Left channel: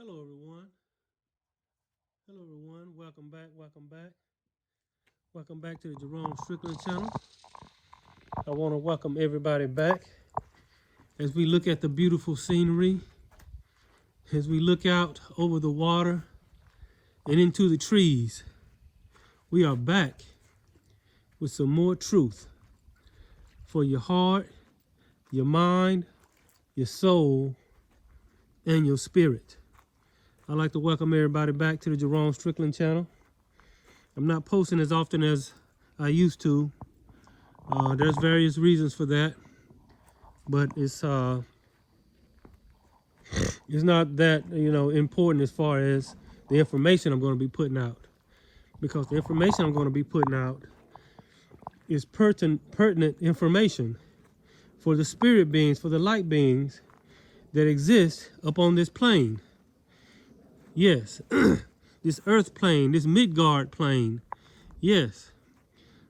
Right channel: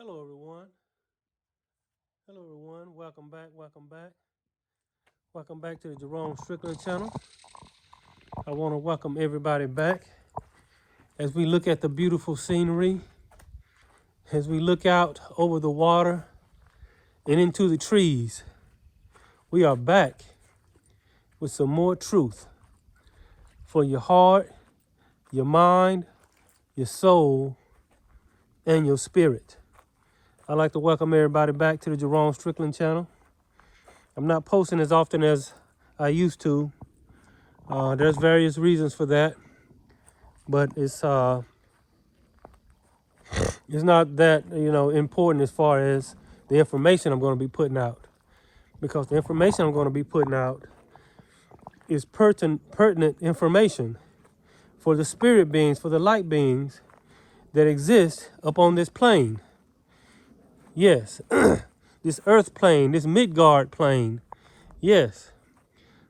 Hello, everyone. Hello, everyone. Welcome back. Welcome back. Welcome back to the Jerome Strickland channel. I want to welcome everybody back as we look at the beautiful scenery, as we look out over the water and into the trees. We are back with some more truth for your heart, your mind, your soul, and your spirit. I'd like to welcome everybody back to the Jerome Strickland channel. I'm not posting as often as I used to. There's various reasons for that, but it's not that important as far as the information I'm going to be putting out, because the information I'm going to be putting out is pertinent information for the spirit beings, for the light beings that exist upon this plane. Yes, this earth plane, this Midgard plane. Yes.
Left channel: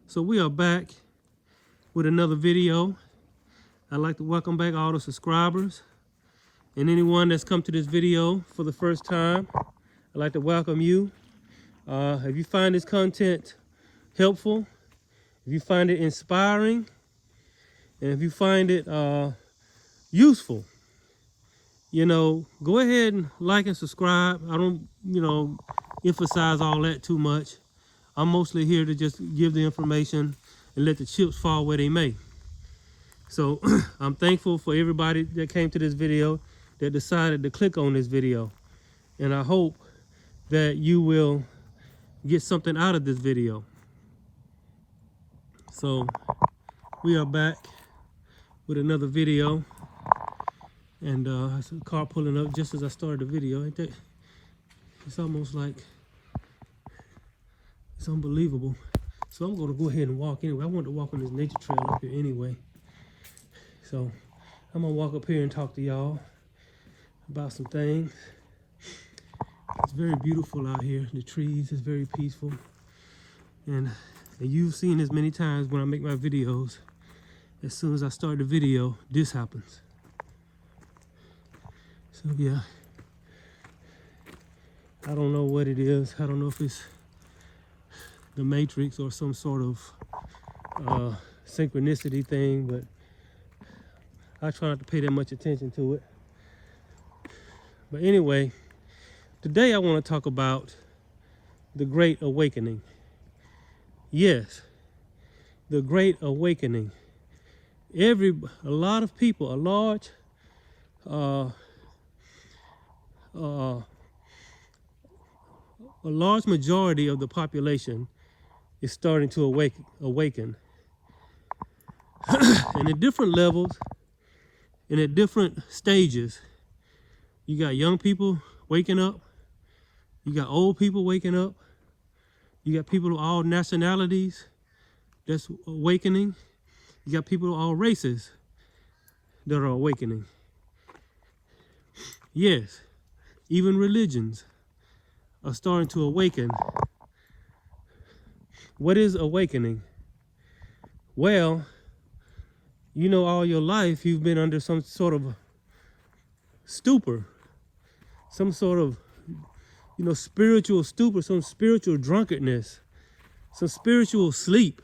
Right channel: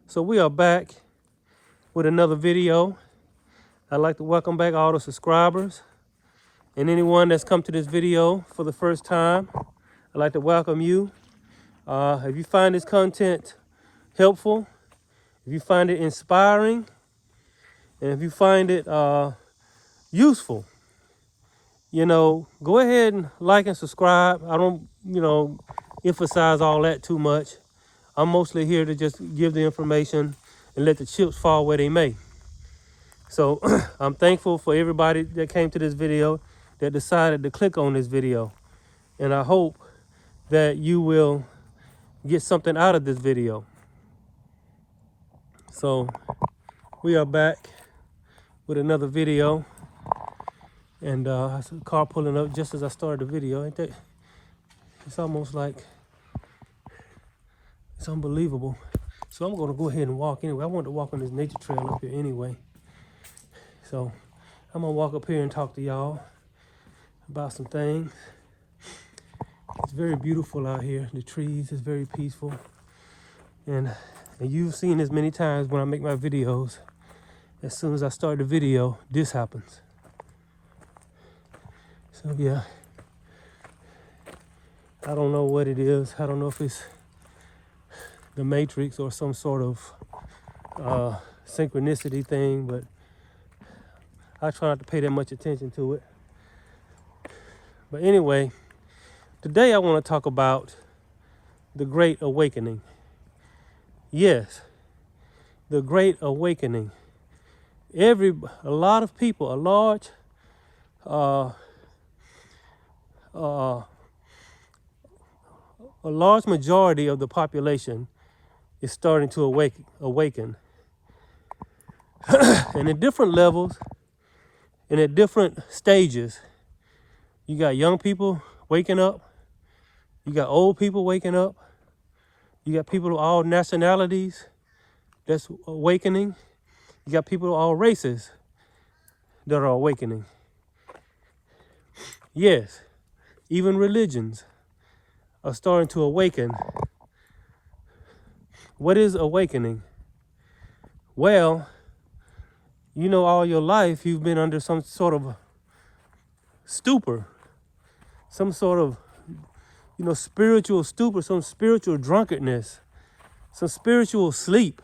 So we are back with another video. I'd like to welcome back all the subscribers and anyone that's come to this video for the first time. I'd like to welcome you. If you find this content helpful, if you find it inspiring, and if you find it useful, go ahead and like and subscribe. I don't, emphasize all that too much. I'm mostly here to just give the information and let the chips fall where they may. So I'm thankful for everybody that came to this video, that decided to click on this video. And I hope that you will get something out of this video. So we are back with another video. And I saw a car pulling up just as I started the video. Ain't that? It's almost like, it's unbelievable. So I'm gonna go ahead and walk anyway. I want to walk on this nature trail up here anyway. So I'm gonna walk up here and talk to y'all about some things. It's very beautiful out here. The trees is very peaceful. And you've seen this many times when I make my videos. As soon as I start the video, this happens. So yeah, I don't know what it is. I don't know if it's the Matrix or some sort of synchronicity thing, but I try not to pay that much attention to it. But anyway, today I want to talk about the Great Awakening. Yes, the Great Awakening. A lot of people, a large majority of the population is starting to awaken. And at different levels and at different stages. You got young people waking up. You got old people waking up. You got people of all nationalities that's awakening. You got people of all races that are awakening. Yes, even religions are starting to awaken. What is awakening? Well, all your life you've been under some sort of stupor, some sort of, spiritual stupor, some spiritual drunkenness, some spiritual sleep.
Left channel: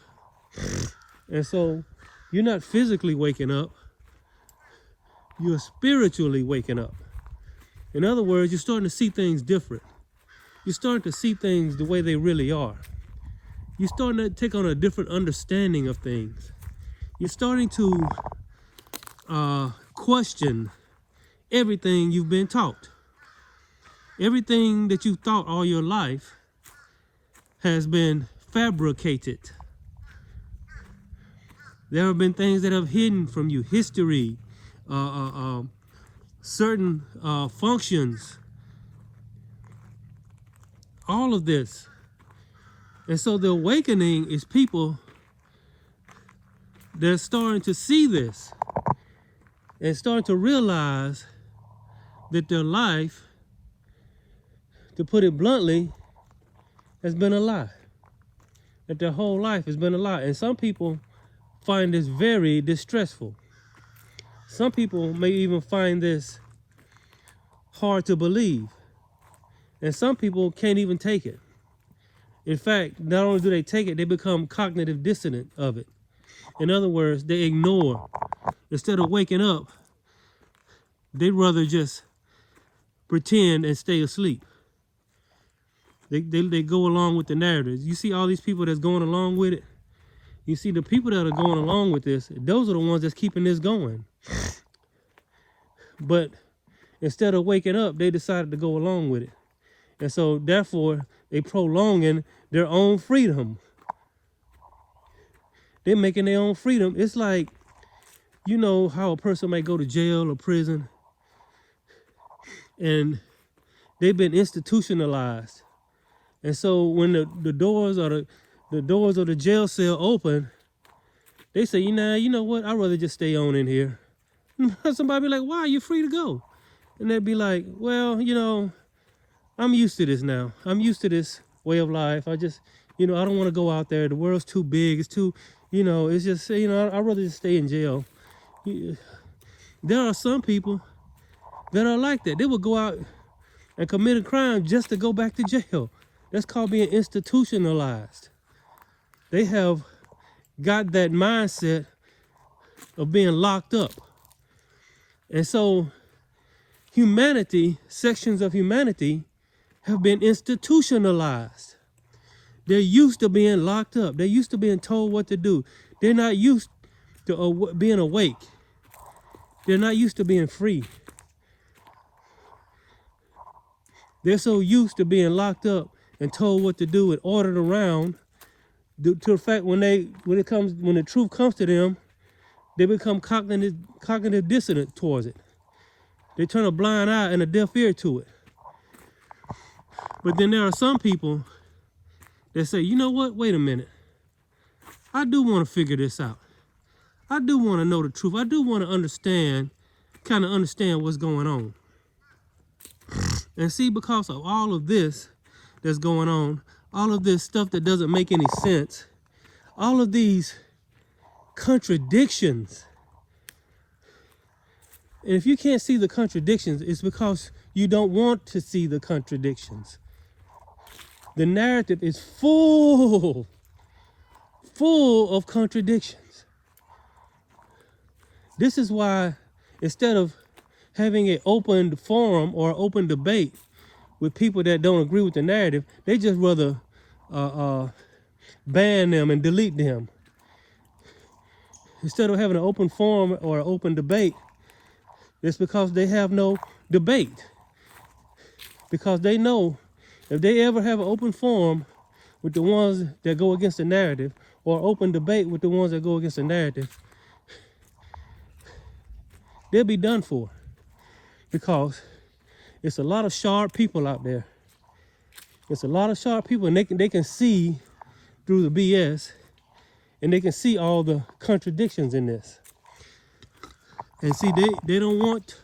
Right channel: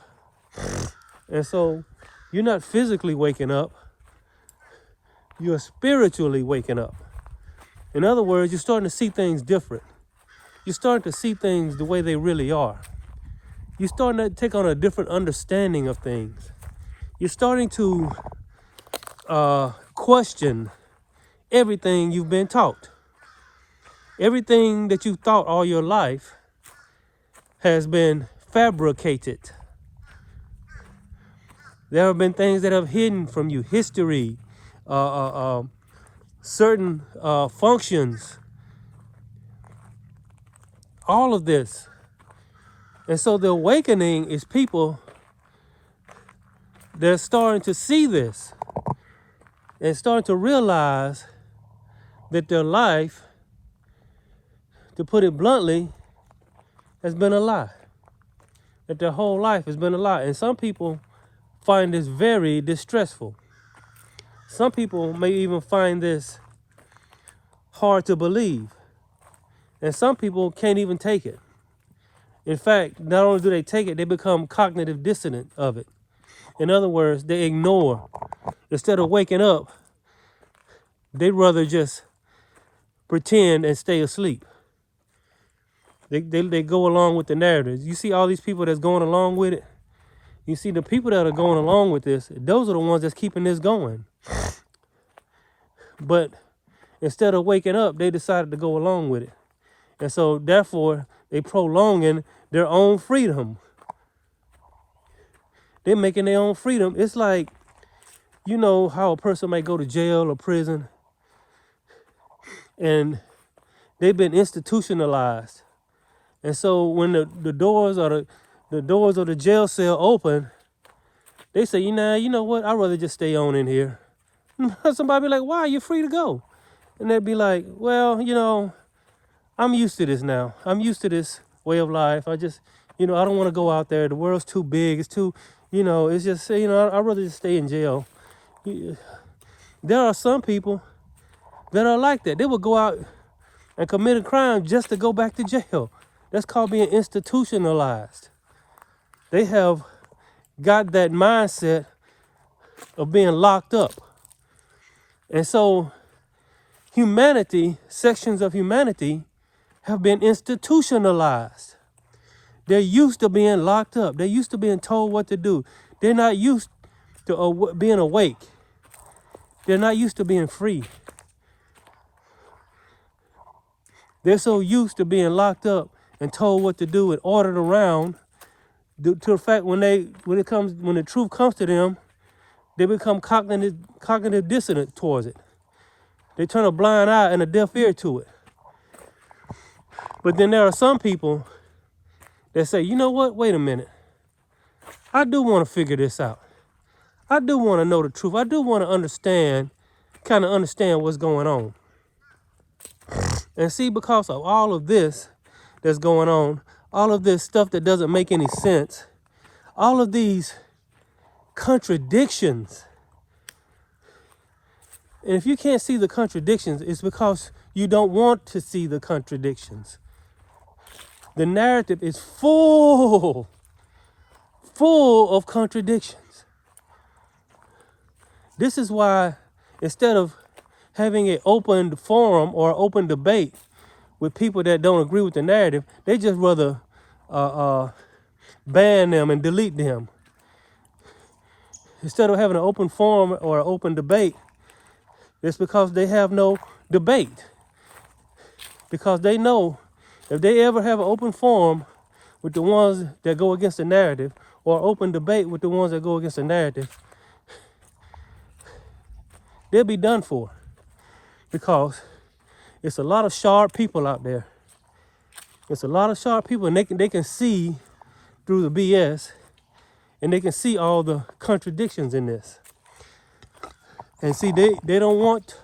And so you're not physically waking up, you're spiritually waking up. In other words, you're starting to see things different. You're starting to see things the way they really are. You're starting to take on a different understanding of things. You're starting to question everything you've been taught. Everything that you've thought all your life has been fabricated. There have been things that have hidden from you, history, certain functions, all of this. And so the awakening is people that are starting to see this and starting to realize that their life, to put it bluntly, has been a lie. That their whole life has been a lie. And some people find this very distressful. Some people may even find this hard to believe. And some people can't even take it. In fact, not only do they take it, they become cognitive dissonant of it. In other words, they ignore. Instead of waking up, they'd rather just pretend and stay asleep. They go along with the narrative. You see all these people that's going along with it? You see the people that are going along with this, those are the ones that's keeping this going. But instead of waking up, they decided to go along with it. And so therefore, they prolonging their own freedom. They're making their own freedom. It's like, you know how a person might go to jail or prison and they've been institutionalized. And so when the doors or the doors of the jail cell open, they say, you know what? I'd rather just stay on in here. Somebody be like, why? You're free to go. And they'd be like, well, I'm used to this now. I'm used to this way of life. I just, I don't want to go out there. The world's too big. It's too, it's just, I'd rather just stay in jail. There are some people that are like that. They will go out and commit a crime just to go back to jail. That's called being institutionalized. They have got that mindset of being locked up. And so humanity, sections of humanity, have been institutionalized. They're used to being locked up. They're used to being told what to do. They're not used to being awake. They're not used to being free. They're so used to being locked up and told what to do and ordered around, to the fact when the truth comes to them, they become cognitive dissonant towards it. They turn a blind eye and a deaf ear to it. But then there are some people that say, you know what? Wait a minute. I do want to figure this out. I do want to know the truth. I do want to understand what's going on. And see, because of all of this that's going on, all of this stuff that doesn't make any sense, all of these contradictions. And if you can't see the contradictions, it's because you don't want to see the contradictions. The narrative is full of contradictions. This is why instead of having an open forum or open debate with people that don't agree with the narrative, they just rather ban them and delete them. Instead of having an open forum or an open debate, it's because they have no debate. Because they know if they ever have an open forum with the ones that go against the narrative, or open debate with the ones that go against the narrative, they'll be done for. Because it's a lot of sharp people out there. It's a lot of sharp people, and they can see through the BS, and they can see all the contradictions in this. And see, they don't want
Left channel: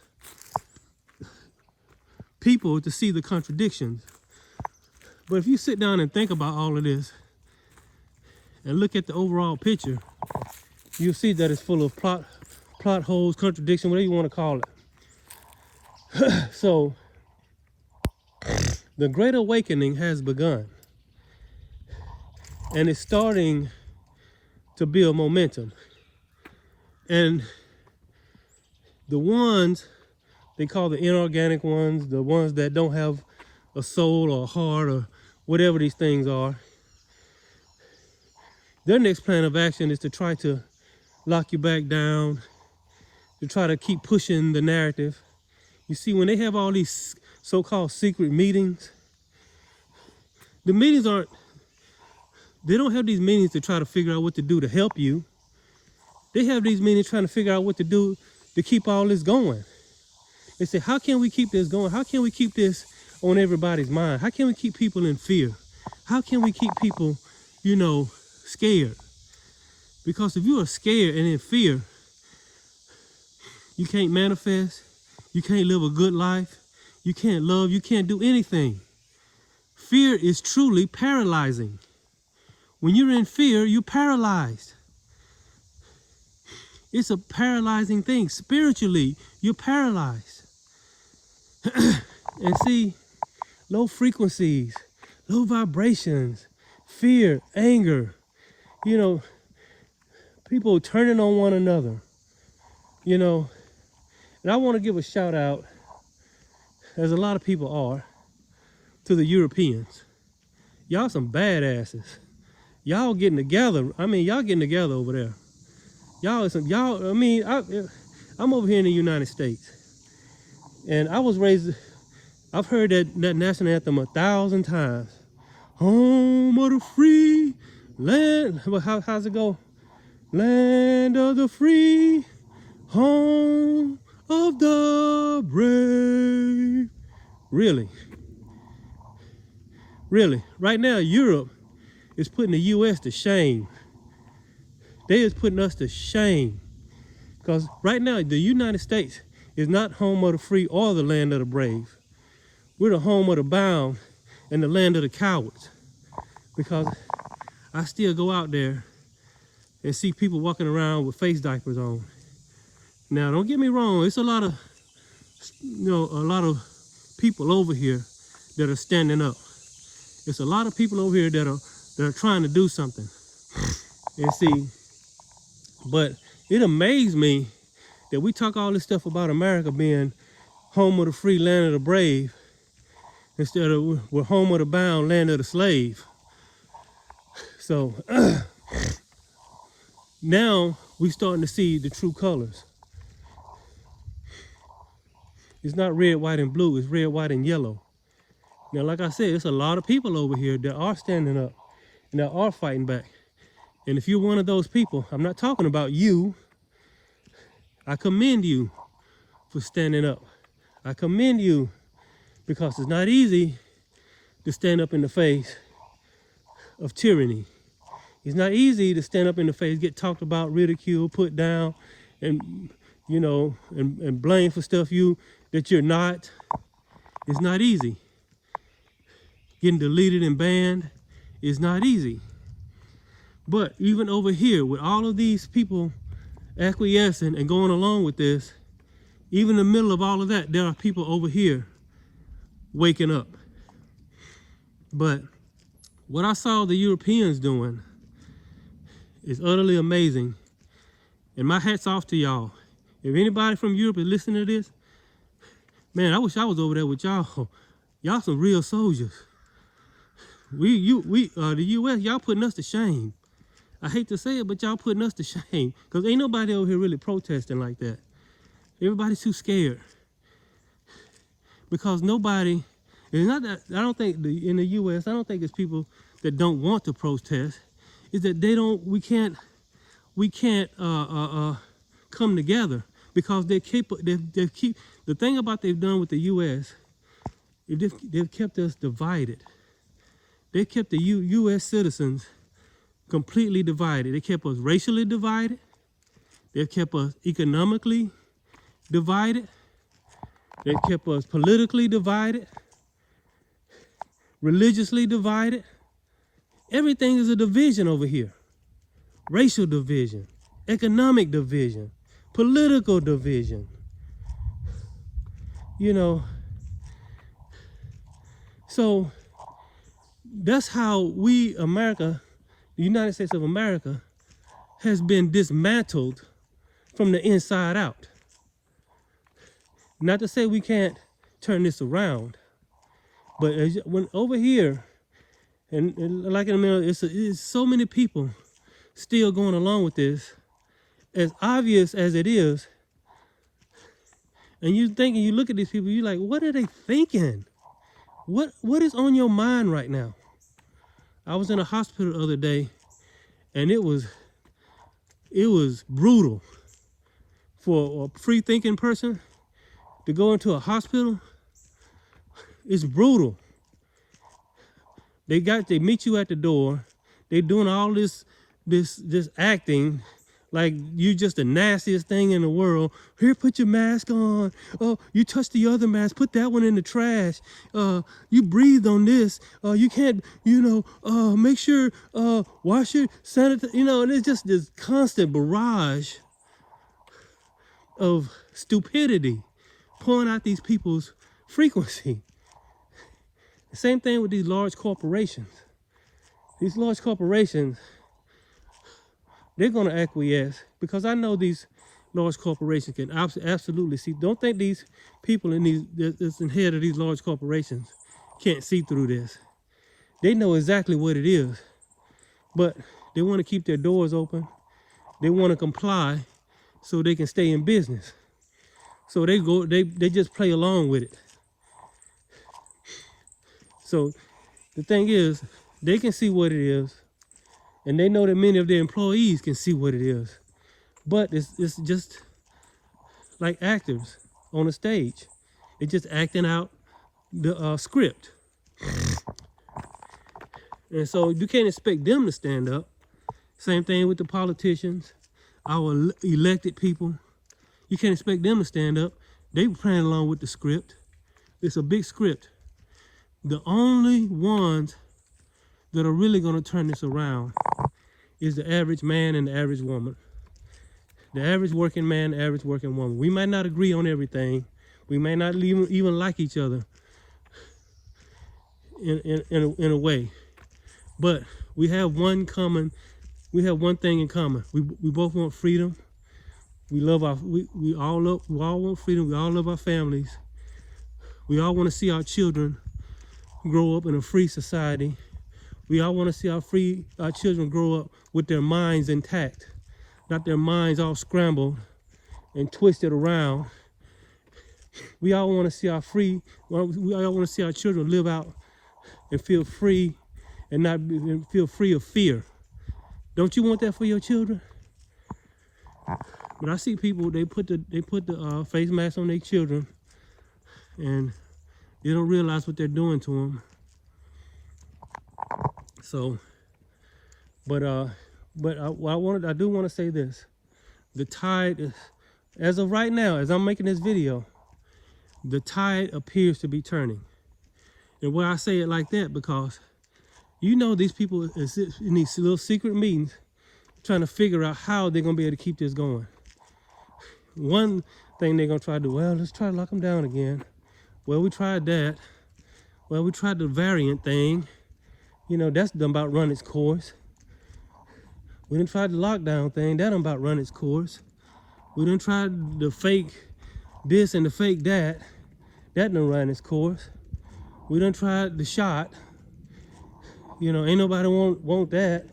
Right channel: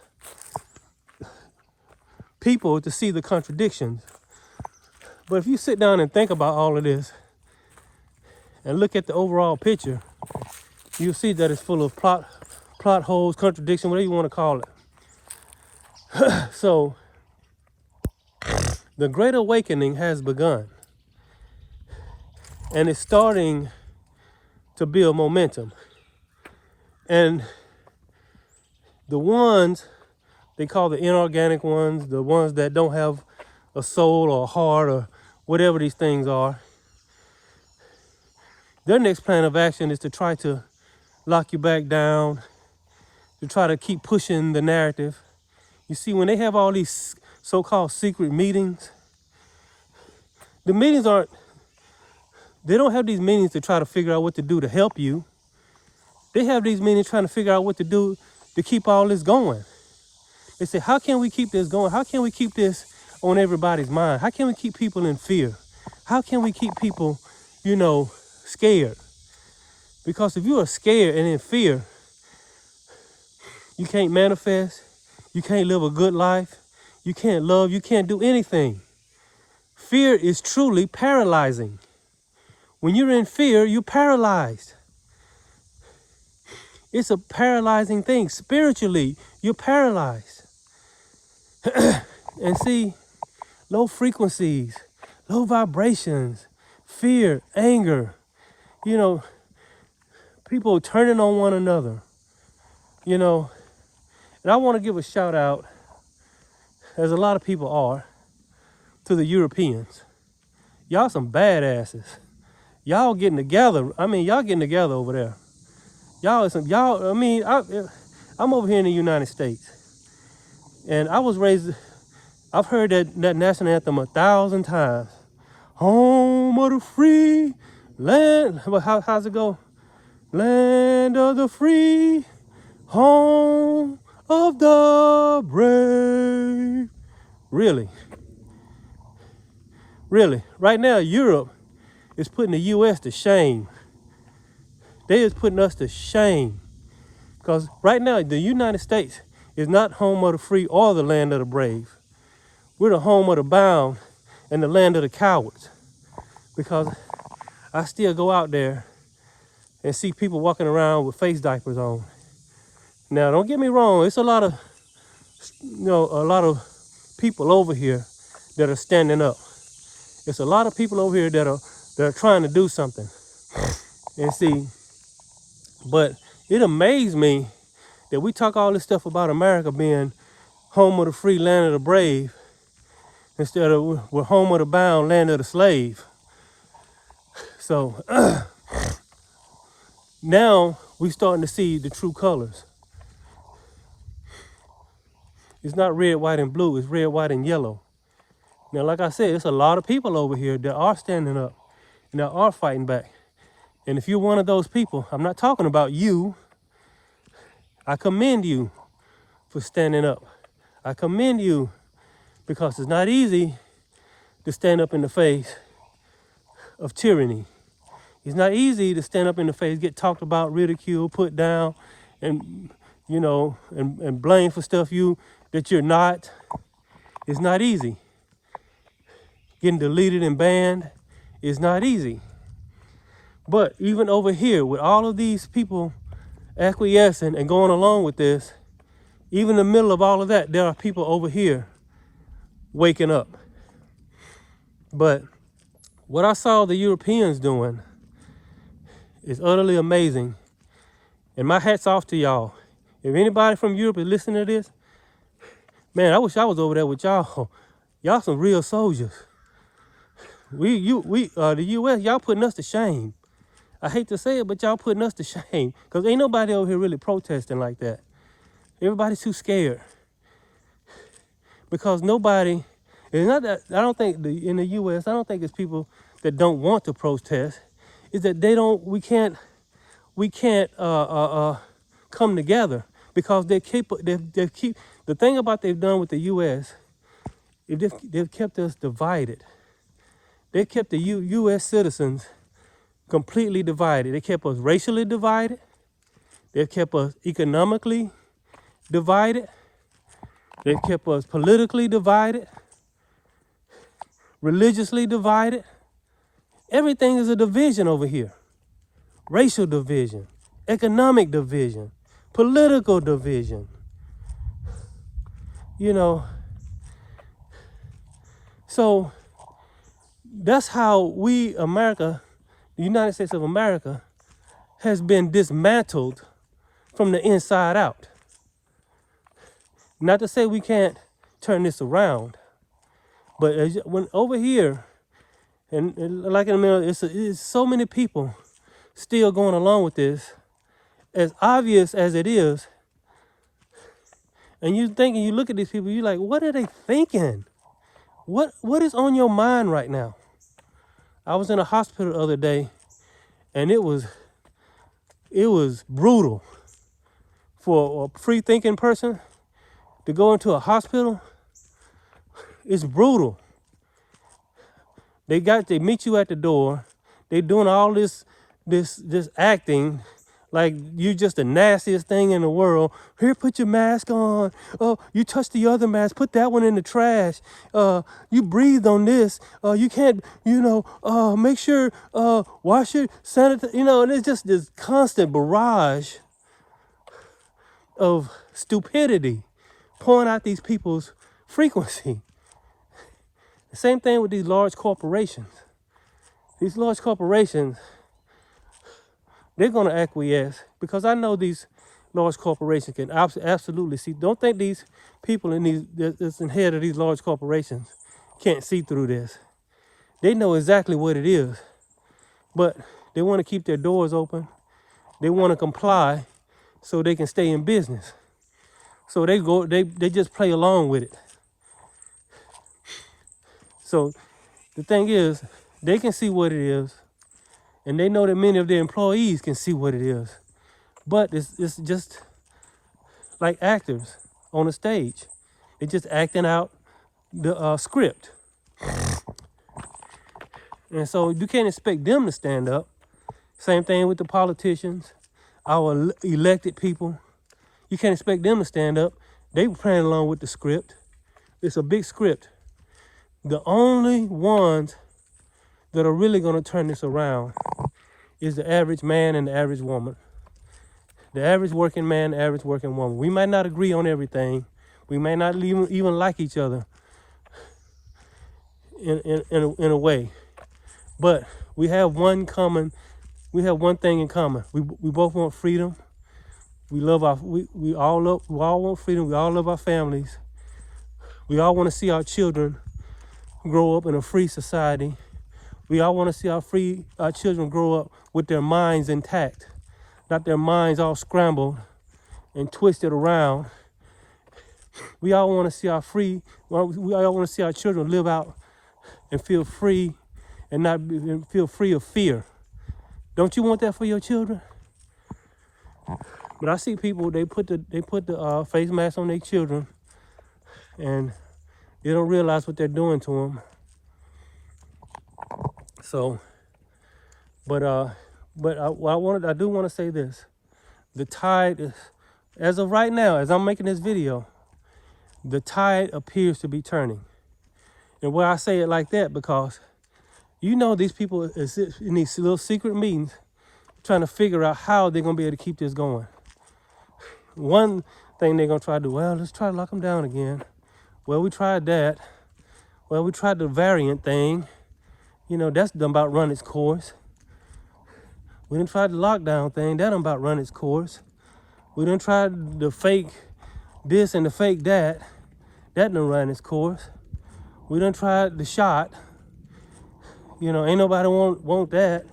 people to see the contradictions. But if you sit down and think about all of this and look at the overall picture, you'll see that it's full of plot holes, contradiction, whatever you want to call it. So, the Great Awakening has begun. And it's starting to build momentum. And the ones they call the inorganic ones, the ones that don't have a soul or a heart or whatever these things are, their next plan of action is to try to lock you back down, to try to keep pushing the narrative. You see, when they have all these so-called secret meetings, the meetings they don't have these meetings to try to figure out what to do to help you. They have these meetings trying to figure out what to do to keep all this going. They say, how can we keep this going? How can we keep this on everybody's mind? How can we keep people in fear? How can we keep people, scared? Because if you are scared and in fear, you can't manifest, you can't live a good life, you can't love, you can't do anything. Fear is truly paralyzing. When you're in fear, you're paralyzed. It's a paralyzing thing. Spiritually, you're paralyzed. And see, low frequencies, low vibrations, fear, anger, you know, people turning on one another, you know. And I want to give a shout out, as a lot of people are, to the Europeans. Y'all some badasses. Y'all getting together. I mean, y'all getting together over there. I mean, I'm over here in the United States. And I've heard that national anthem 1,000 times. Home of the free land. How's it go? Land of the free, home of the brave. Really? Really? Right now, Europe is putting the U.S. to shame. They is putting us to shame. Because right now, the United States is not home of the free or the land of the brave. We're the home of the bound and the land of the cowards. Because I still go out there and see people walking around with face diapers on. Now, don't get me wrong. It's a lot of people over here that are standing up. It's a lot of people over here that are trying to do something. And see, but it amazed me that we talk all this stuff about America being home of the free, land of the brave, instead of we're home of the bound, land of the slave. So now we're starting to see the true colors. It's not red, white, and blue. It's red, white, and yellow. Now, like I said, it's a lot of people over here that are standing up and that are fighting back. And if you're one of those people, I'm not talking about you. I commend you for standing up. I commend you because it's not easy to stand up in the face of tyranny. It's not easy to stand up in the face, get talked about, ridiculed, put down, and and blamed for stuff that you're not. It's not easy. Getting deleted and banned is not easy. But even over here, with all of these people acquiescing and going along with this, even in the middle of all of that, there are people over here waking up. But what I saw the Europeans doing is utterly amazing. And my hat's off to y'all. If anybody from Europe is listening to this, man, I wish I was over there with y'all. Y'all some real soldiers. The U.S., y'all putting us to shame. I hate to say it, but y'all putting us to shame. Because ain't nobody over here really protesting like that. Everybody's too scared. Because nobody, it's not that, I don't think in the U.S., I don't think it's people that don't want to protest. It's that we can't come together because the thing about they've done with the U.S., they've kept us divided. They kept the U.S. citizens completely divided. They kept us racially divided. They kept us economically divided. They kept us politically divided, religiously divided. Everything is a division over here. Racial division, economic division, political division. So that's how America, the United States of America, has been dismantled from the inside out. Not to say we can't turn this around, but when over here, and like in the middle, it's so many people still going along with this, as obvious as it is. And you look at these people, you're like, what are they thinking? What is on your mind right now? I was in a hospital the other day, and it was brutal for a free-thinking person to go into a hospital. It's brutal. They meet you at the door. They doing all this acting like you just the nastiest thing in the world. Here, put your mask on. Oh, you touched the other mask. Put that one in the trash. You breathed on this. You can't, make sure, wash your sanitize. And it's just this constant barrage of stupidity pouring out these people's frequency. The same thing with these large corporations. These large corporations, they're going to acquiesce because I know these large corporations can absolutely see. Don't think these people in these that's in head of these large corporations can't see through this. They know exactly what it is, but they want to keep their doors open. They want to comply so they can stay in business. So they just play along with it. So the thing is, they can see what it is, and they know that many of their employees can see what it is. But it's just like actors on a stage. They're just acting out the script. And so you can't expect them to stand up. Same thing with the politicians, our elected people. You can't expect them to stand up. They were playing along with the script. It's a big script. The only ones that are really going to turn this around is the average man and the average woman. The average working man, the average working woman. We might not agree on everything. We may not even like each other in a way. But we have one thing in common. We both want freedom. We all want freedom. We all love our families. We all want to see our children grow up in a free society. We all want to see our children grow up with their minds intact, not their minds all scrambled and twisted around. We all want to see our children live out and feel free and feel free of fear. Don't you want that for your children? But I see people, they put the face mask on their children and they don't realize what they're doing to them. So, but I do want to say this. The tide is, as of right now, as I'm making this video, the tide appears to be turning. And why I say it like that, because you know these people is in these little secret meetings trying to figure out how they're going to be able to keep this going. One thing they're going to try to do, well, let's try to lock them down again. Well, we tried that. Well, we tried the variant thing. You know, that's done about run its course. We done tried the lockdown thing. That done about run its course. We done tried the fake this and the fake that. That done run its course. We done tried the shot. You know, ain't nobody want that.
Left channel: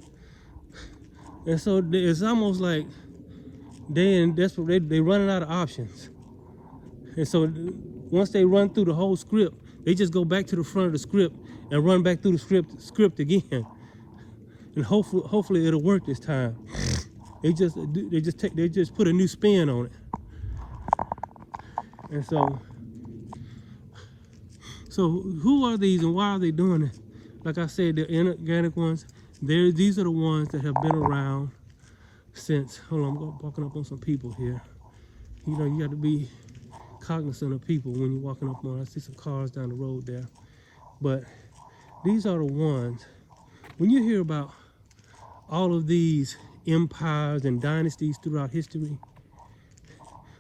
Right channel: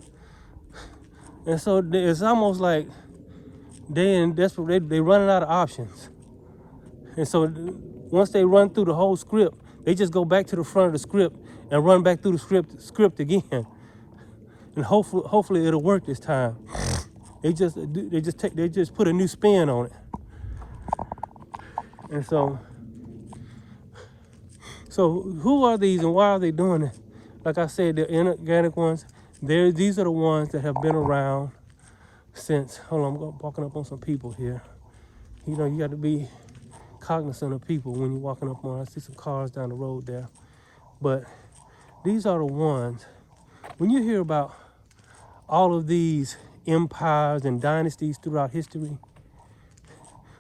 And so it's almost like they running out of options. And so once they run through the whole script, they just go back to the front of the script and run back through the script again. And hopefully it'll work this time. They just put a new spin on it. And so who are these and why are they doing it? Like I said, the inorganic ones, these are the ones that have been around since, hold on, I'm walking up on some people here. You know, you got to be cognizant of people when you're walking up on. I see some cars down the road there. But these are the ones, when you hear about all of these empires and dynasties throughout history,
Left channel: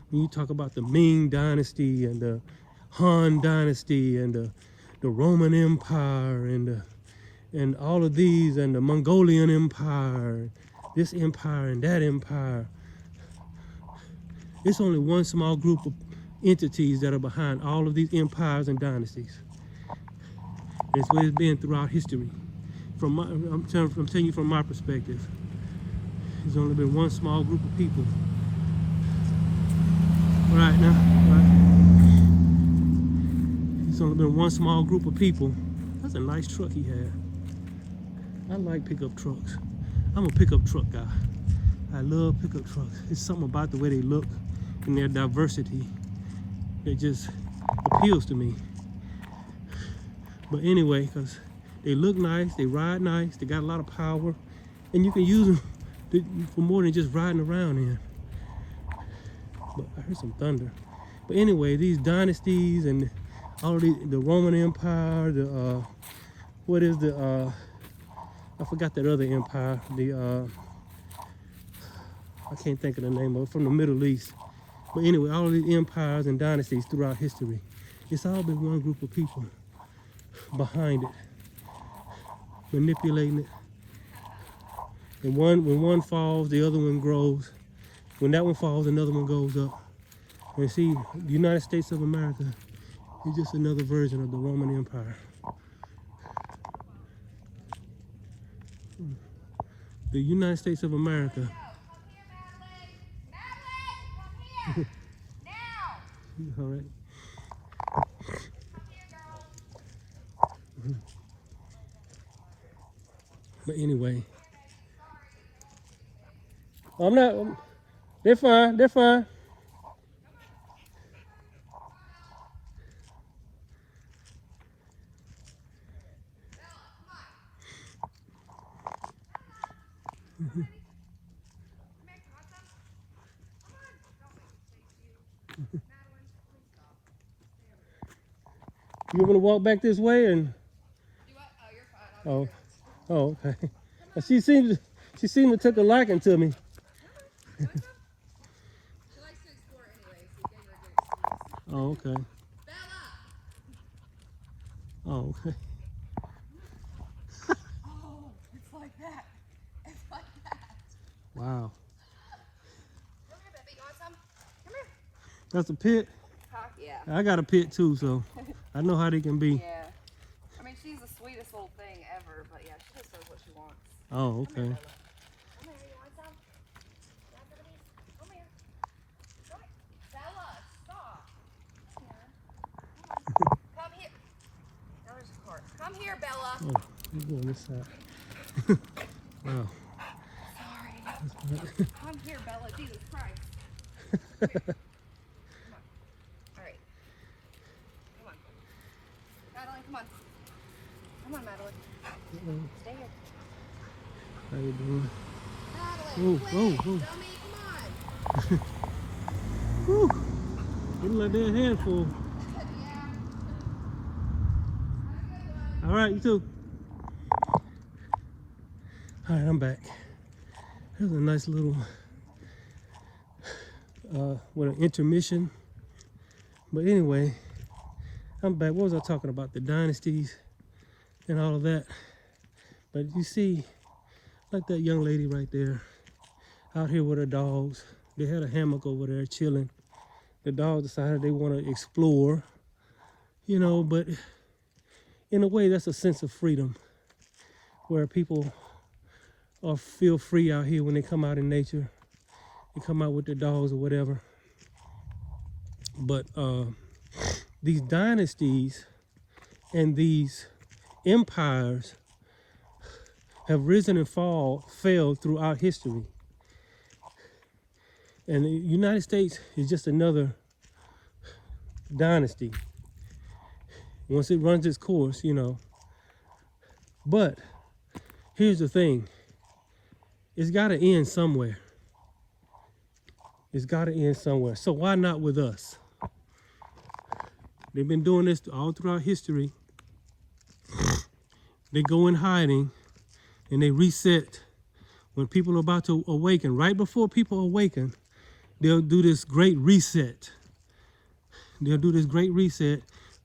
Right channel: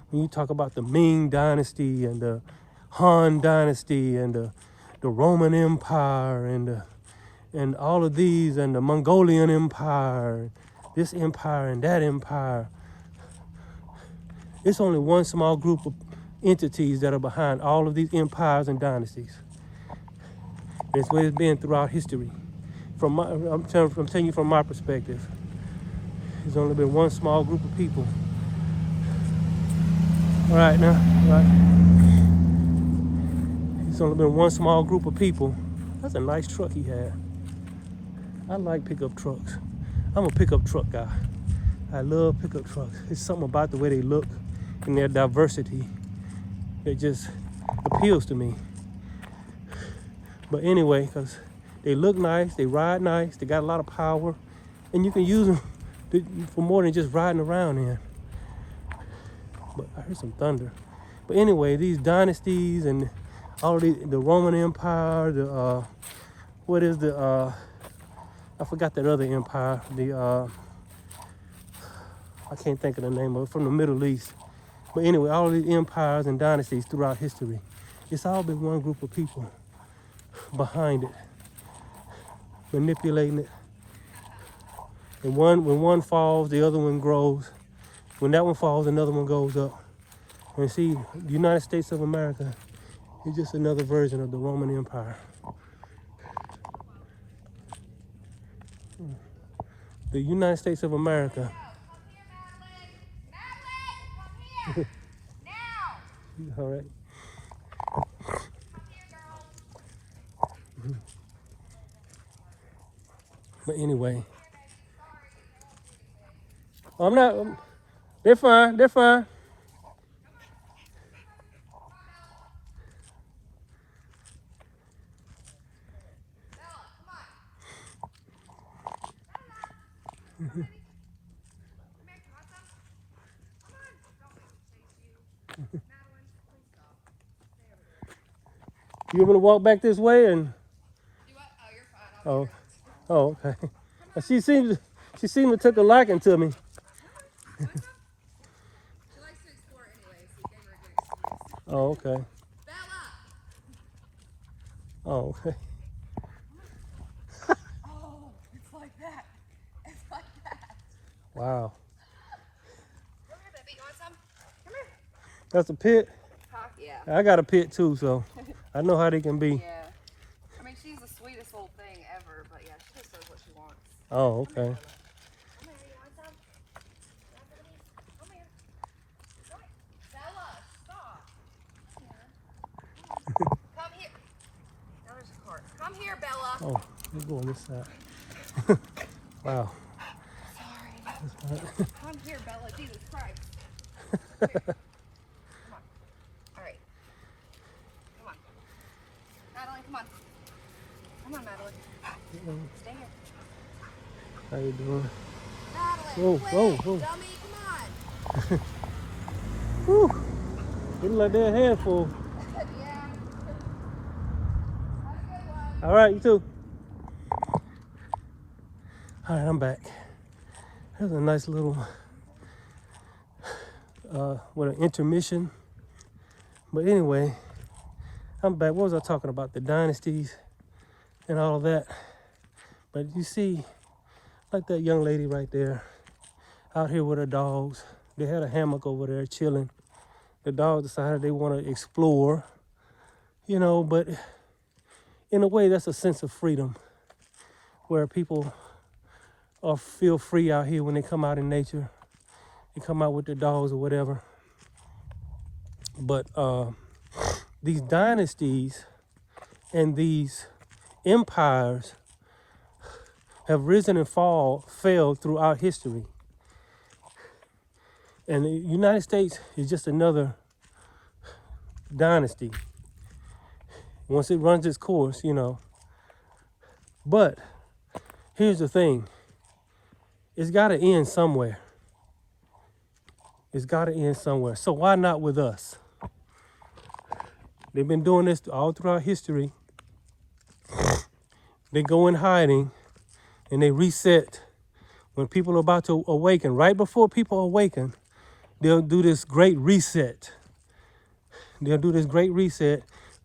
when you talk about the Ming dynasty and the Han dynasty and the Roman Empire and all of these and the Mongolian Empire, this empire and that empire, it's only one small group of entities that are behind all of these empires and dynasties. That's where it's been throughout history. I'm telling you from my perspective. There's only been one small group of people. All right now, There's only been one small group of people. That's a nice truck he had. I like pickup trucks. I'm a pickup truck guy. I love pickup trucks. It's something about the way they look and their diversity that just appeals to me. But anyway, because they look nice, they ride nice, they got a lot of power, and you can use them for more than just riding around in. But I heard some thunder. But anyway, these dynasties and all of the Roman Empire, I forgot that other empire, I can't think of the name of it, from the Middle East. But anyway, all of these empires and dynasties throughout history, it's all been one group of people. behind it, manipulating it. And when one falls, the other one grows. When that one falls, another one goes up. And see, the United States of America is just another version of the Roman Empire. The United States of America. All right. But anyway, I'm not. They're fine. They're fine. You want me to walk back this way and? Oh, oh, okay. She seemed to took a liking to me. Oh, okay. Oh, okay. Oh, it's like that. It's like that. Wow. Come here, baby. You want some? Come here. That's a pit. Yeah. I got a pit too, so I know how they can be. Yeah. I mean, she's the sweetest little thing ever, but yeah, she just does what she wants. Oh, okay. Come here, you want some? You want some of these? Come here. Come here. Bella, stop. Come here. Now there's a part. Come here, Bella. Oh, let's go on this side. Wow. Sorry. Come here, Bella. Jesus Christ. Come here. Come on. All right. Come on. Madeline, come on. Come on, Madeline. Stay here. How you doing? Whoa, whoa, whoa. Dummy, come on. Whew. It look like they're a handful. Yeah. All right, you too. All right, I'm back. That was a nice little, what, an intermission. But anyway, I'm back. What was I talking about? The dynasties and all of that. But you see, like that young lady right there, out here with her dogs. They had a hammock over there chilling. The dogs decided they want to explore, you know, but in a way, that's a sense of freedom where people feel free out here when they come out in nature. They come out with their dogs or whatever. But these dynasties and these empires have risen and failed throughout history. And the United States is just another dynasty once it runs its course, you know. But here's the thing. It's got to end somewhere. It's got to end somewhere. So why not with us? They've been doing this all throughout history. They go in hiding and they reset when people are about to awaken. Right before people awaken, they'll do this great reset. They'll do this great reset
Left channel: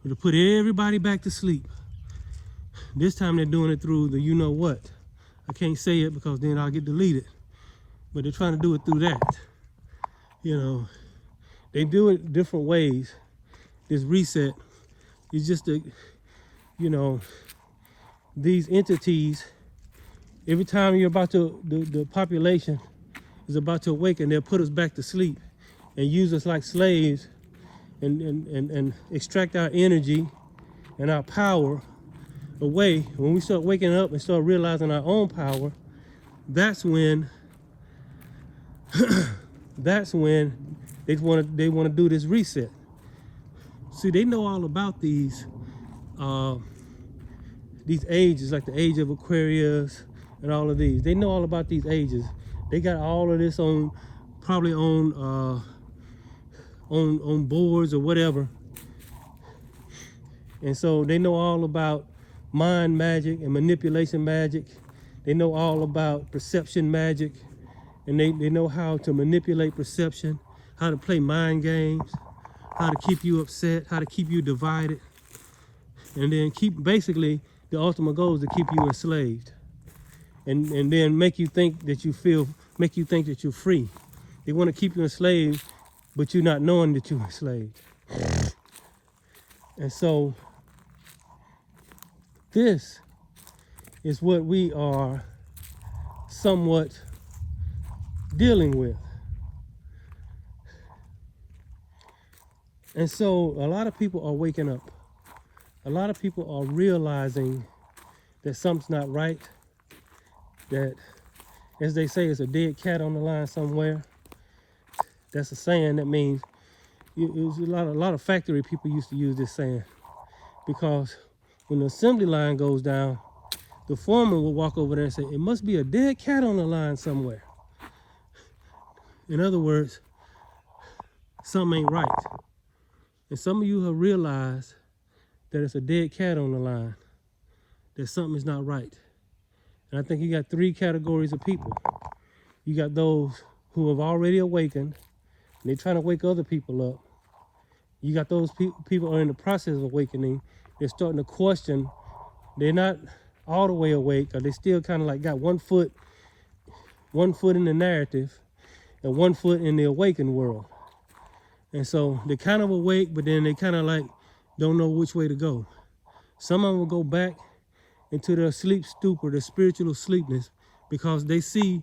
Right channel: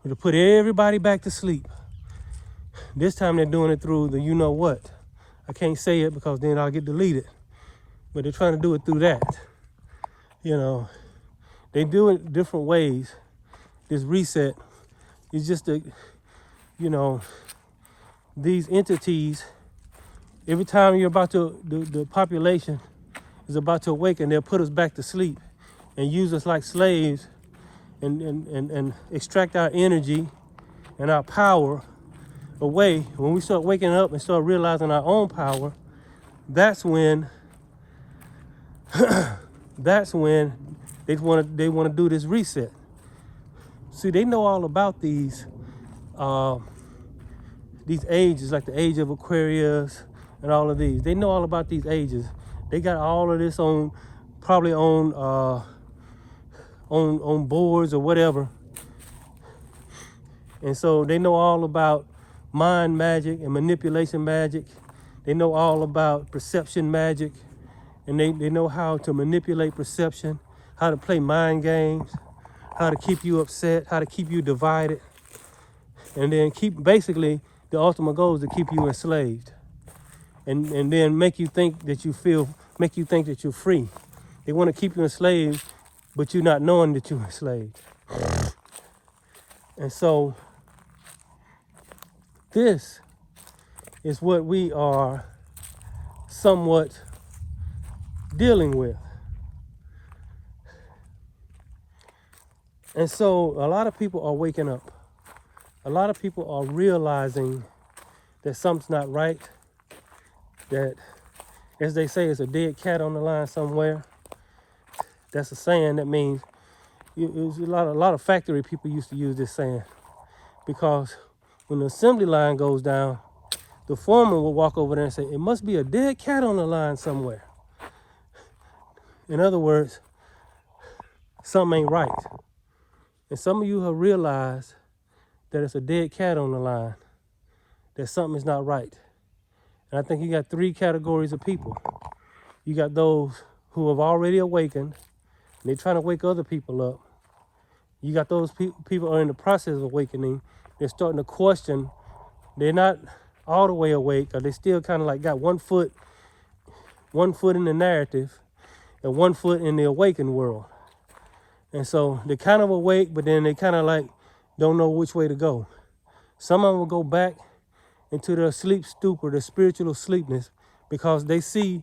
to put everybody back to sleep. This time they're doing it through the you know what. I can't say it because then I'll get deleted. But they're trying to do it through that. You know, they do it different ways. This reset is just a, you know, these entities, every time you're about to, the population is about to awaken, they'll put us back to sleep and use us like slaves and extract our energy and our power away. When we start waking up and start realizing our own power, that's when they want to do this reset. See, they know all about these ages, like the age of Aquarius and all of these. They know all about these ages. They got all of this probably on boards or whatever. And so they know all about mind magic and manipulation magic. They know all about perception magic. And they know how to manipulate perception, how to play mind games, how to keep you upset, how to keep you divided. and then basically the ultimate goal is to keep you enslaved, and then make you think that you're free. They want to keep you enslaved, but you're not knowing that you're enslaved. And so this is what we are somewhat dealing with. And so a lot of people are waking up. A lot of people are realizing that something's not right, that, as they say, it's a dead cat on the line somewhere. That's a saying that means, a lot of factory people used to use this saying, because when the assembly line goes down, the foreman will walk over there and say, it must be a dead cat on the line somewhere. In other words, something ain't right. And some of you have realized that it's a dead cat on the line, that something is not right. And I think you got three categories of people. You got those who have already awakened, and they're trying to wake other people up. You got those people who are in the process of awakening. They're starting to question. They're not all the way awake, or they still kind of like got one foot in the narrative and one foot in the awakened world. And so they're kind of awake, but then they kind of like don't know which way to go. Some of them will go back into their sleep stupor, their spiritual sleepness, because they see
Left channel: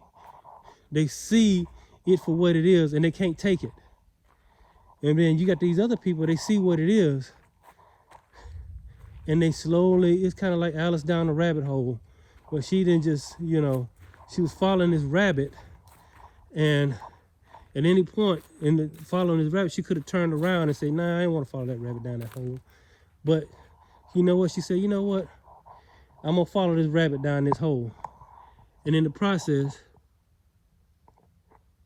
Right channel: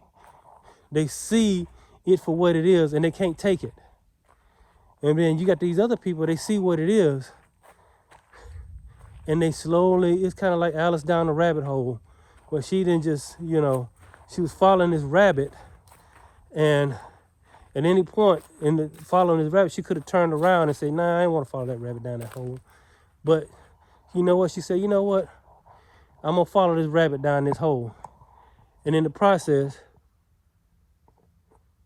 it for what it is and they can't take it. And then you got these other people, they see what it is, and they slowly, it's kind of like Alice down the rabbit hole, where she didn't just, she was following this rabbit, and at any point in following this rabbit, she could have turned around and said, nah, I ain't want to follow that rabbit down that hole. But you know what? She said, you know what? I'm going to follow this rabbit down this hole. And in the process,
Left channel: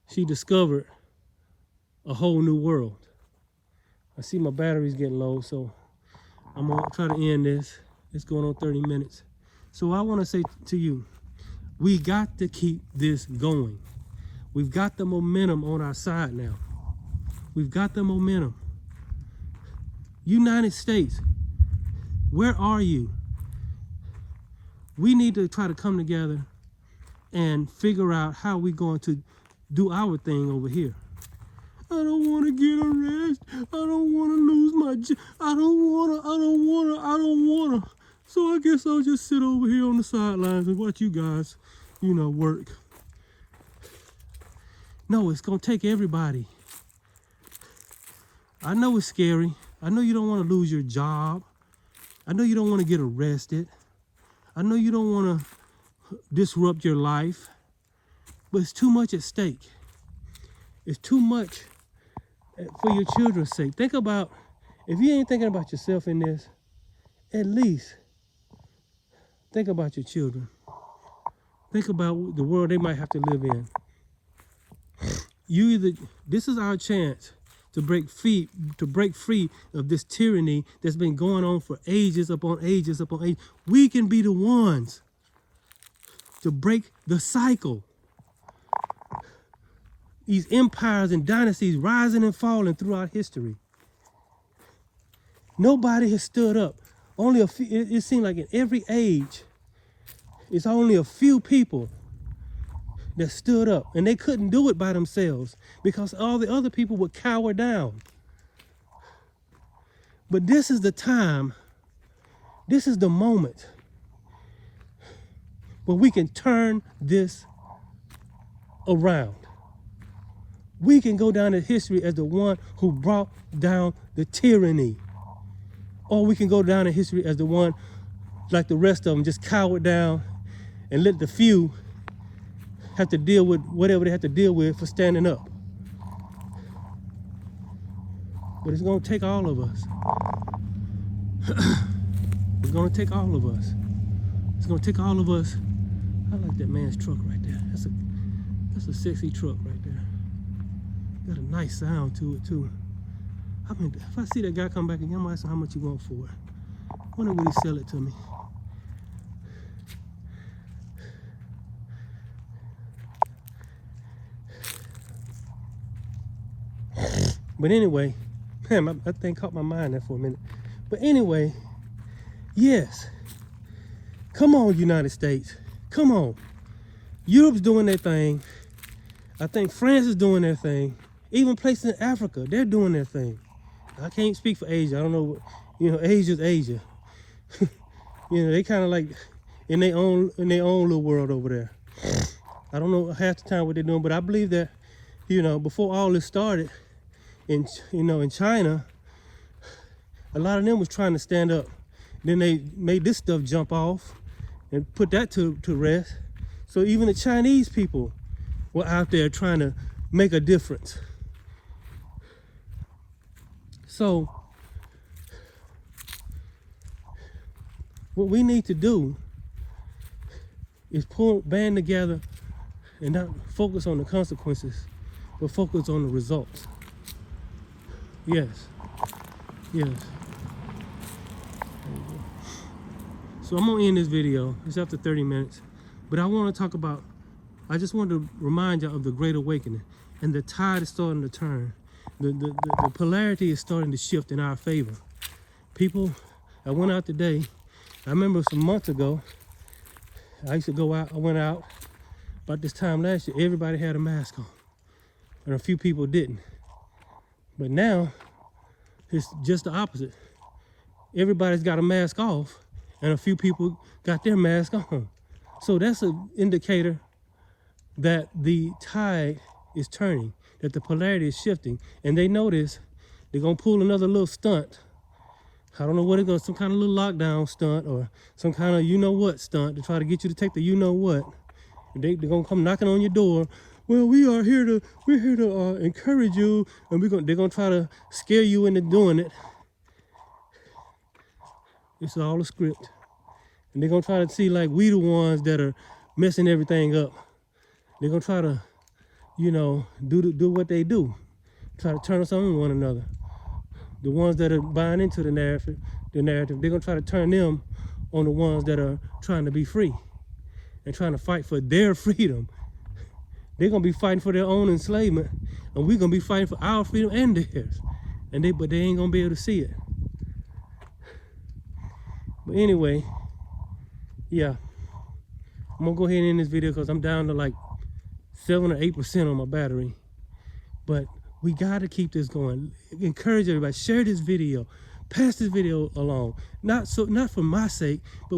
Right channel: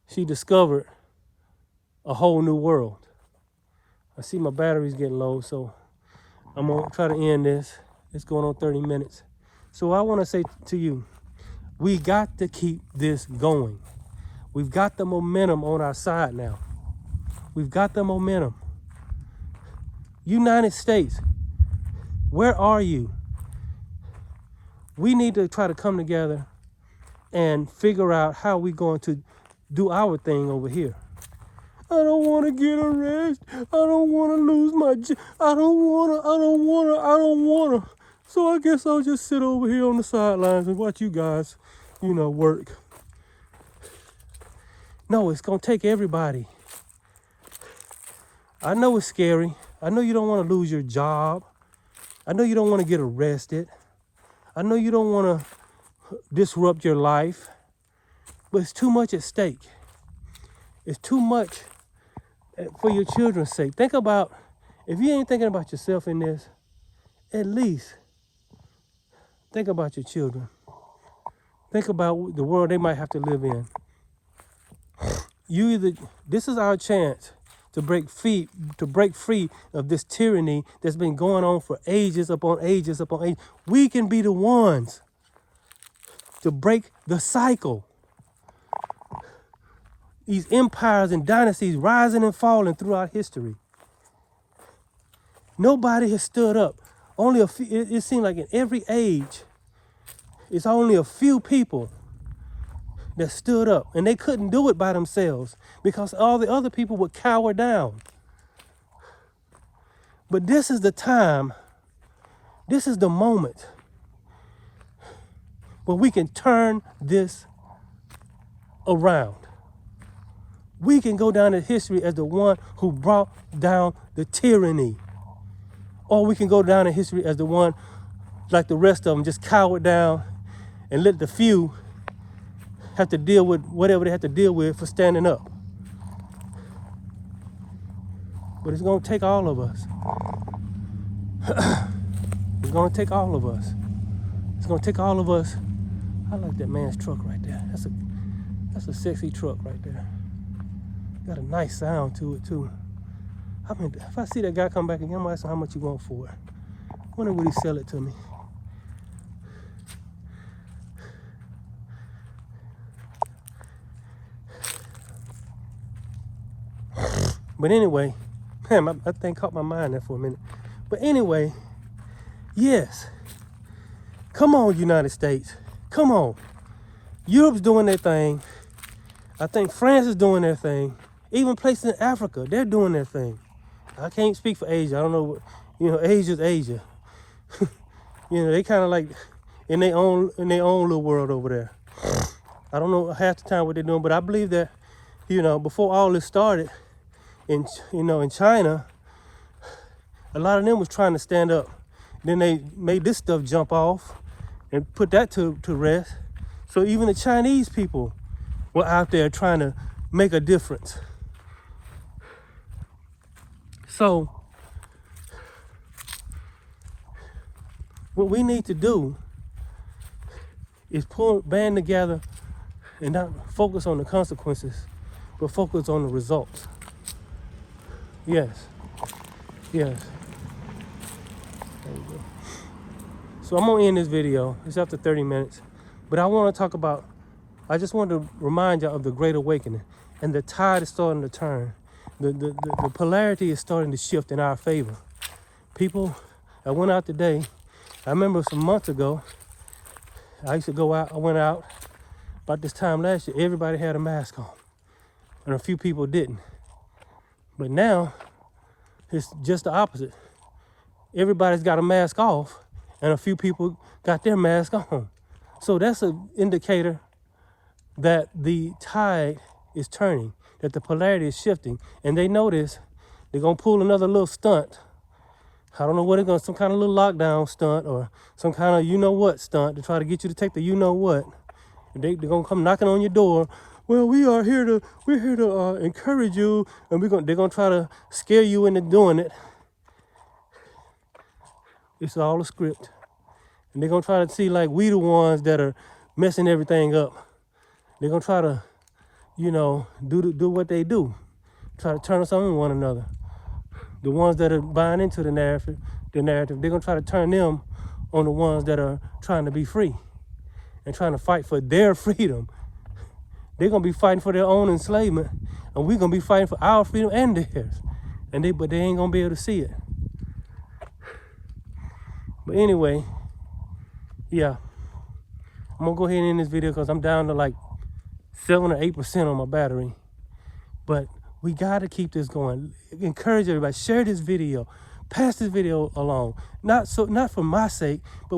she discovered a whole new world. I see my battery's getting low, so I'm going to try to end this. It's going on 30 minutes. So I want to say to you, we got to keep this going. We've got the momentum on our side now. We've got the momentum. United States, where are you? We need to try to come together and figure out how we're going to do our thing over here. I don't want to get arrested. I don't want to lose my job. I don't want to. So I guess I'll just sit over here on the sidelines and watch you guys, work. No, it's going to take everybody. I know it's scary. I know you don't want to lose your job. I know you don't want to get arrested. I know you don't want to disrupt your life. But it's too much at stake. It's too much for your children's sake. Think about, if you ain't thinking about yourself in this, at least think about your children. Think about the world they might have to live in. This is our chance to break free of this tyranny that's been going on for ages upon ages upon ages. We can be the ones to break the cycle. These empires and dynasties rising and falling throughout history. Nobody has stood up. Only a few. It seems like in every age, it's only a few people that stood up, and they couldn't do it by themselves because all the other people would cower down. But this is the time, this is the moment where we can turn this around. We can go down in history as the one who brought down the tyranny. Or we can go down in history as the one, like the rest of them, just cowered down and let the few have to deal with whatever they have to deal with for standing up. But it's going to take all of us. It's going to take all of us. It's going to take all of us. I like that man's truck right there. That's a sexy truck right there. Got a nice sound to it too. I mean, if I see that guy come back again, I might ask him how much you want for it. I wonder would he sell it to me. But anyway, man, that thing caught my mind there for a minute. But anyway, Yes. Come on, United States. Come on. Europe's doing their thing. I think France is doing their thing. Even places in Africa, they're doing their thing. I can't speak for Asia. I don't know what, Asia's Asia. They kind of like in their own little world over there. I don't know half the time what they're doing, but I believe that, before all this started in China, a lot of them was trying to stand up. Then they made this stuff jump off and put that to rest. So even the Chinese people were out there trying to make a difference. So what we need to do is band together and not focus on the consequences, but focus on the results. Yes. Yes. There you go. So I'm gonna end this video. It's after 30 minutes. But I want to talk about, I just want to remind y'all of the Great Awakening. And the tide is starting to turn. The polarity is starting to shift in our favor. People, I went out today. I remember some months ago, I used to go out, I went out about this time last year, everybody had a mask on. And a few people didn't. But now, it's just the opposite. Everybody's got a mask off, and a few people got their mask on. So that's an indicator that the tide is turning, that the polarity is shifting. And they know this, they're gonna pull another little stunt. I don't know what it's gonna, some kind of little lockdown stunt or some kind of you-know-what stunt to try to get you to take the you-know-what. And they're gonna come knocking on your door. Well, we're here to encourage you, and they're gonna try to scare you into doing it. It's all a script. And they're gonna try to see like we the ones that are messing everything up. They're gonna try to, do what they do. Try to turn us on one another. The ones that are buying into the narrative, they're gonna try to turn them on the ones that are trying to be free and trying to fight for their freedom. They're gonna be fighting for their own enslavement, and we're gonna be fighting for our freedom and theirs. But they ain't gonna be able to see it. But anyway, yeah, I'm gonna go ahead and end this video because I'm down to like 7 or 8% on my battery. But we gotta keep this going. Encourage everybody, share this video, pass this video along. Not for my sake, but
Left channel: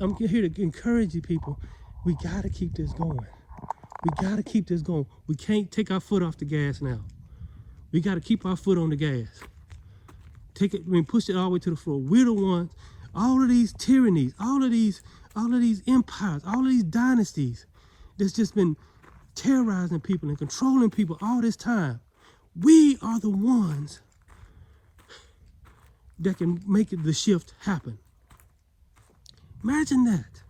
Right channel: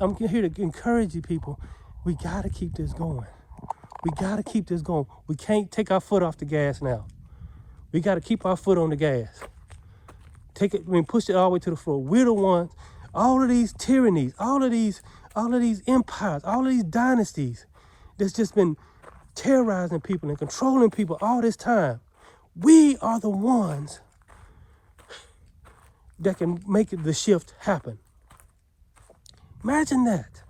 I'm here to encourage you people. We gotta keep this going. We gotta keep this going. We can't take our foot off the gas now. We gotta keep our foot on the gas. Push it all the way to the floor. We're the ones, all of these tyrannies, all of these empires, all of these dynasties that's just been terrorizing people and controlling people all this time. We are the ones that can make the shift happen. Imagine that.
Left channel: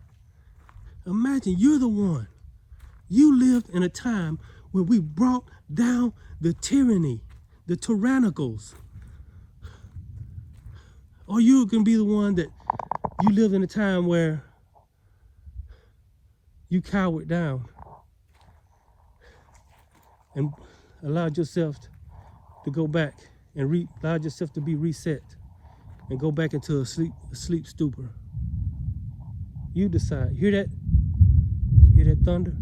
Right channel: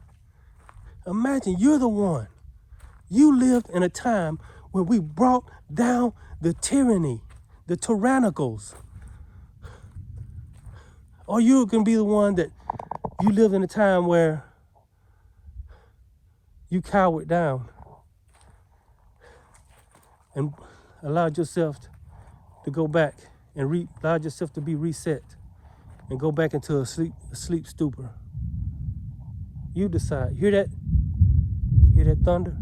Imagine you're the one. You lived in a time where we brought down the tyranny, the tyrannicals. Or you can be the one that you lived in a time where you cowered down and allowed yourself to go back and allowed yourself to be reset and go back into a sleep stupor. You decide. Hear that? Hear that thunder?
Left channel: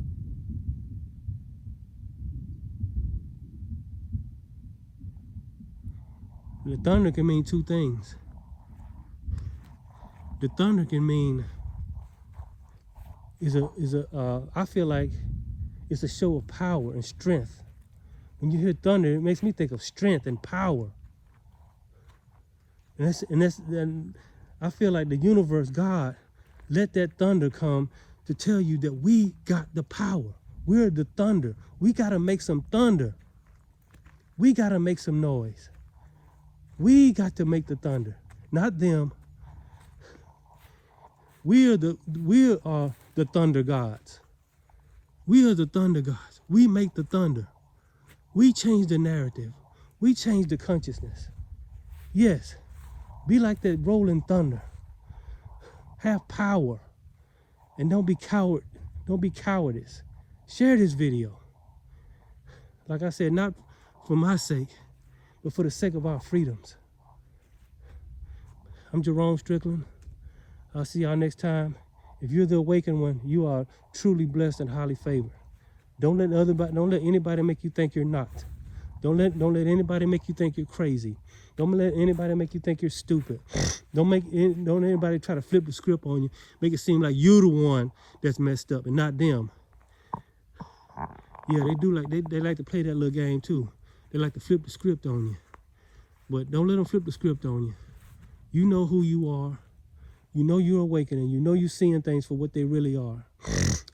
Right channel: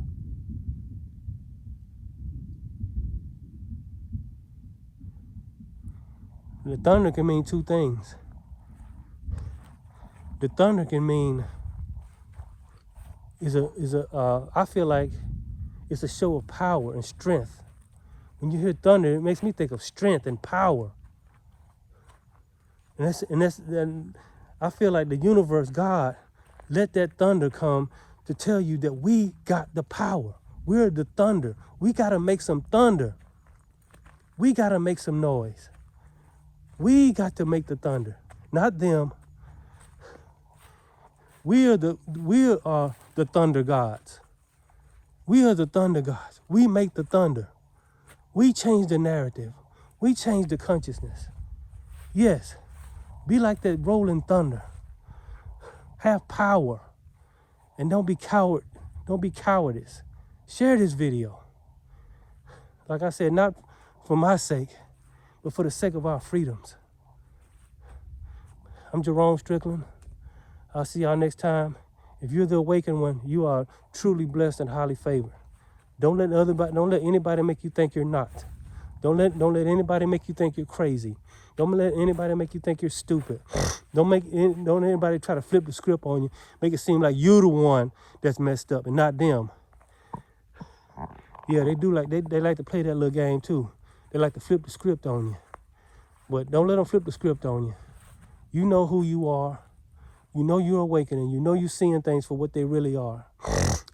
The thunder can mean two things. The thunder can mean I feel like it's a show of power and strength. When you hear thunder, it makes me think of strength and power. And I feel like the universe, God, let that thunder come to tell you that we got the power. We're the thunder. We gotta make some thunder. We gotta make some noise. We got to make the thunder, not them. We are the thunder gods. We are the thunder gods. We make the thunder. We change the narrative. We change the consciousness. Yes, be like that rolling thunder. Have power. And don't be coward. Don't be cowardice. Share this video. Like I said, not for my sake, but for the sake of our freedoms. I'm Jerome Strickland. I'll see y'all next time. If you're the awakened one, you are truly blessed and highly favored. Don't let anybody make you think you're not. Don't let anybody make you think you're crazy. Don't let anybody make you think you're stupid. Don't anybody try to flip the script on you, make it seem like you're the one that's messed up and not them. Yeah, they do they like to play that little game too. They like to flip the script on you. But don't let them flip the script on you. You know who you are. You know you're awakening. You know you're seeing things for what they really are.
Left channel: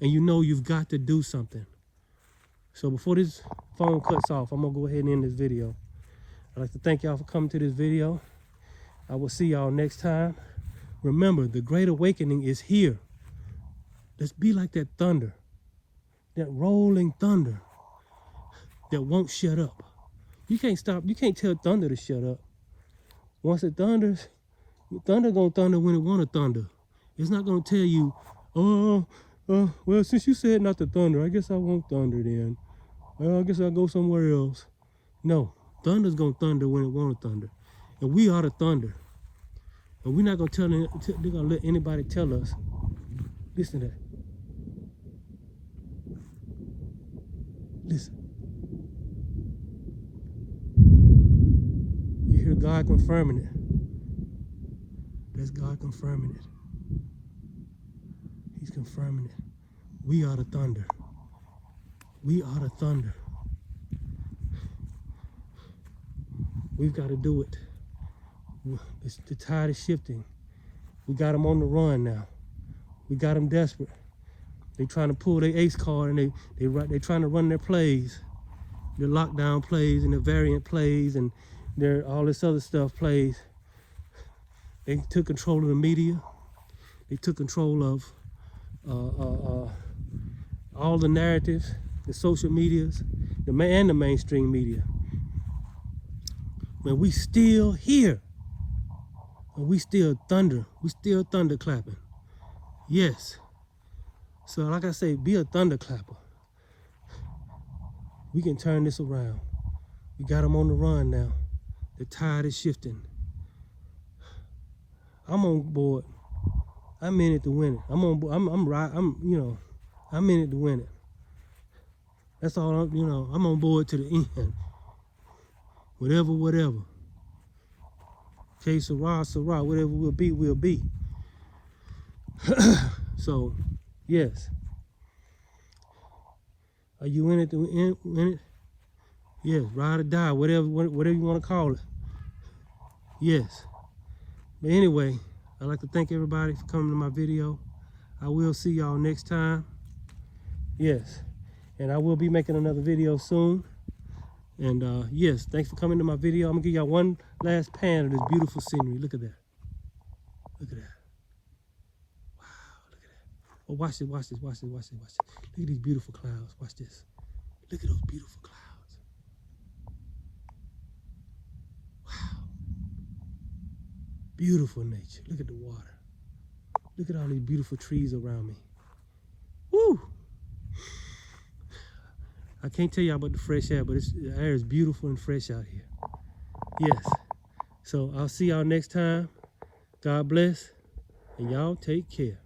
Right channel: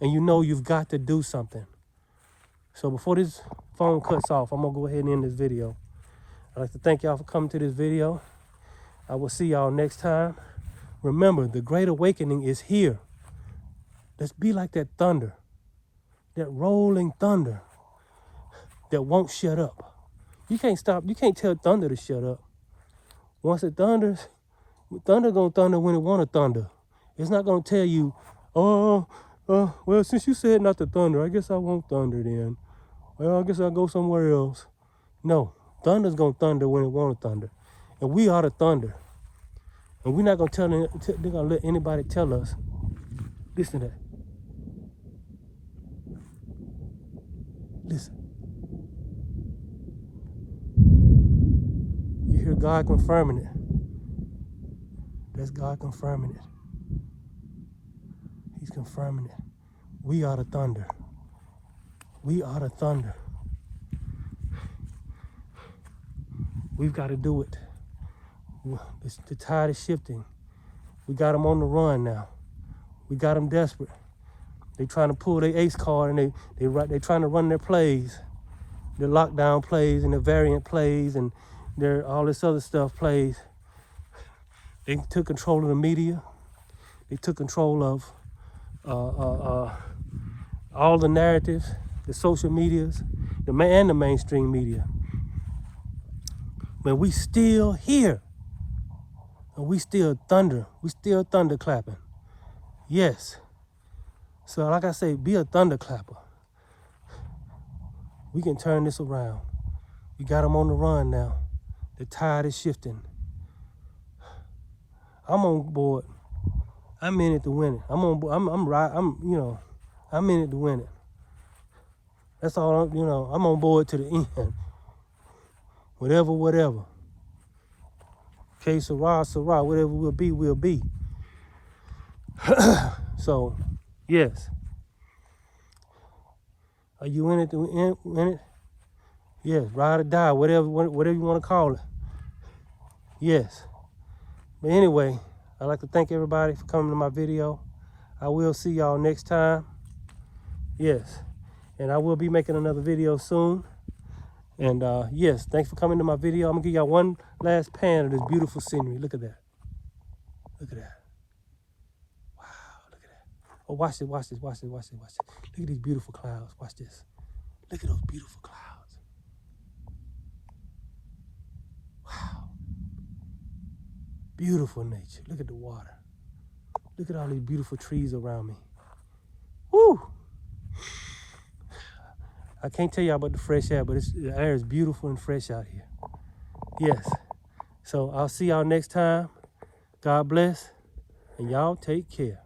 And you know you've got to do something. So before this phone cuts off, I'm going to go ahead and end this video. I'd like to thank y'all for coming to this video. I will see y'all next time. Remember, the Great Awakening is here. Let's be like that thunder. That rolling thunder that won't shut up. You can't stop. You can't tell thunder to shut up. Once it thunders, thunder gonna thunder when it wanna thunder. It's not gonna tell you, well, since you said not to thunder, I guess I won't thunder then. Well, I guess I'll go somewhere else. No, thunder's gonna thunder when it wanna thunder. And we are the thunder. And we're not gonna they're gonna let anybody tell us. Listen to that. Listen. You hear God confirming it. That's God confirming it. He's confirming it. We are the thunder. We are the thunder. We've got to do it. The tide is shifting. We got them on the run now. We got them desperate. They trying to pull their ace card and they're trying to run their plays, their lockdown plays and their variant plays and their all this other stuff plays. They took control of the media. They took control of all the narratives, the social medias, and the mainstream media. But we still here. And we still thunder. We still thunder clapping. Yes. So like I say, be a thunderclapper. We can turn this around. We got them on the run now. The tide is shifting. I'm on board. I'm in it to win it. I'm on board. I'm in it to win it. That's all. I'm on board to the end. Whatever. Okay, Sarah, whatever will be, will be. So, yes. Are you in it to win it? Yes, ride or die, whatever you want to call it. Yes. But anyway, I'd like to thank everybody for coming to my video. I will see y'all next time. Yes. And I will be making another video soon. And yes, thanks for coming to my video. I'm gonna give y'all one last pan of this beautiful scenery. Look at that. Look at that. Wow, look at that. Oh, watch this. Look at these beautiful clouds. Watch this. Look at those beautiful clouds. Wow. Beautiful nature. Look at the water. Look at all these beautiful trees around me. Woo! I can't tell y'all about the fresh air, but the air is beautiful and fresh out here. Yes. So I'll see y'all next time. God bless, and y'all take care.